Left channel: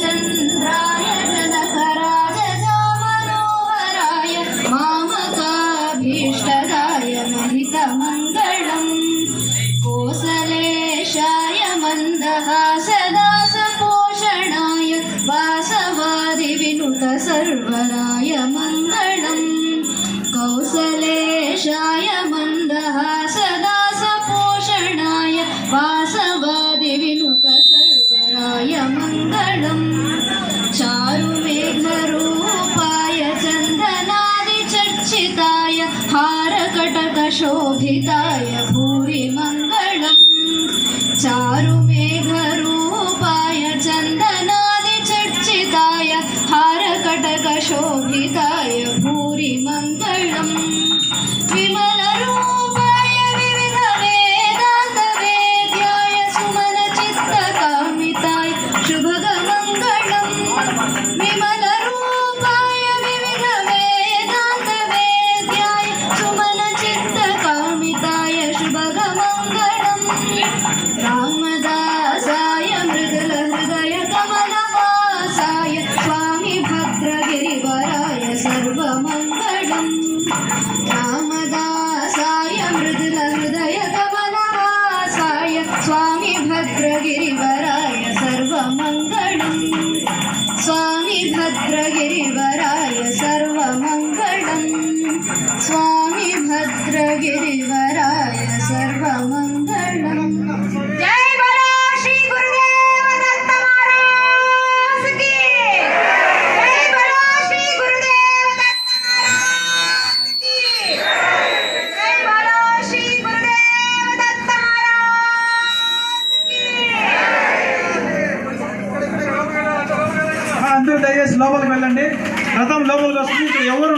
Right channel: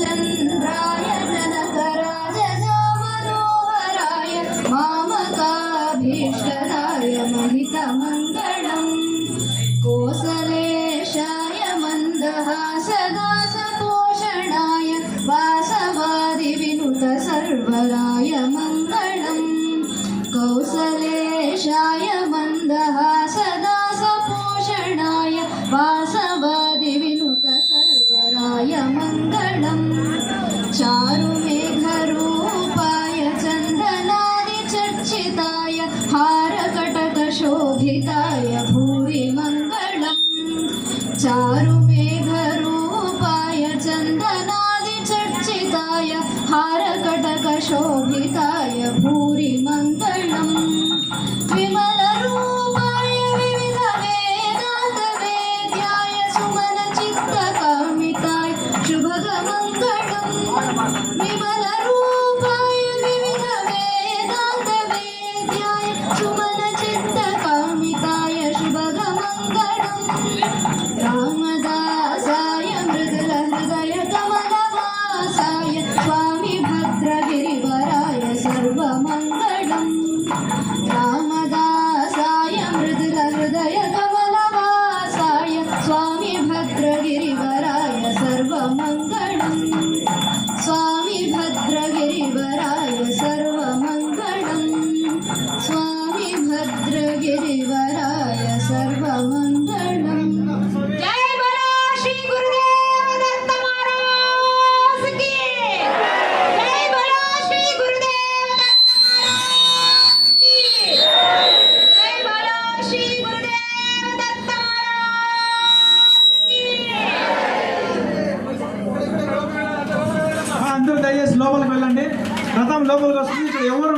रामचन्द्राय जनकराजदामनोहराय मामकाभीष्टदाय महितमङ्गलम् कोसलेशाय मन्दहासदासपोषणाय वासवादिविनुत सर्वराय मङ्गलम् कौसलेशाय मन्दहासदासपोषणाय वासवादिविनुत सर्वराय मङ्गलम् चारुमेघरूपाय चन्दनादिचर्चिताय हारकटकशोभिताय भूरि मङ्गलम् चारुमेघरूपाय चन्दनादिचर्चिताय हारकटकशोभिताय भूरि मङ्गलम् विमलरूपाय विविधवेदान्तवेद्याय सुमनचित्तकामिताय शुभगमङ्गलम् विमलरूपाय विविधवेदान्तवेद्याय सुमनचित्तकामिताय शुभगमङ्गलम् रामदासाय मृदुलहृदय कमलवासाय स्वामी भद्रगिरिवराय सर्वमङ्गलम् रामदासाय मृदुलहृदय कमलवासाय स्वामी भद्रगिरिवराय सर्वमङ्गलम् स्वामी भद्रगिरिवराय सर्वमङ्गलम् स्वामी भद्रगिरिवराय सर्वमङ्गलम् जय बोलो श्री गुरुदेव दत्त महाराज की जय बोलो श्री गुरुदेव दत्त महाराज की जय बोलो श्री गुरुदेव दत्त महाराज की అందరూ దయచేసి లోపలికి వెళ్ళండి. రథం లోపలికి వస్తుంది. ఎవరు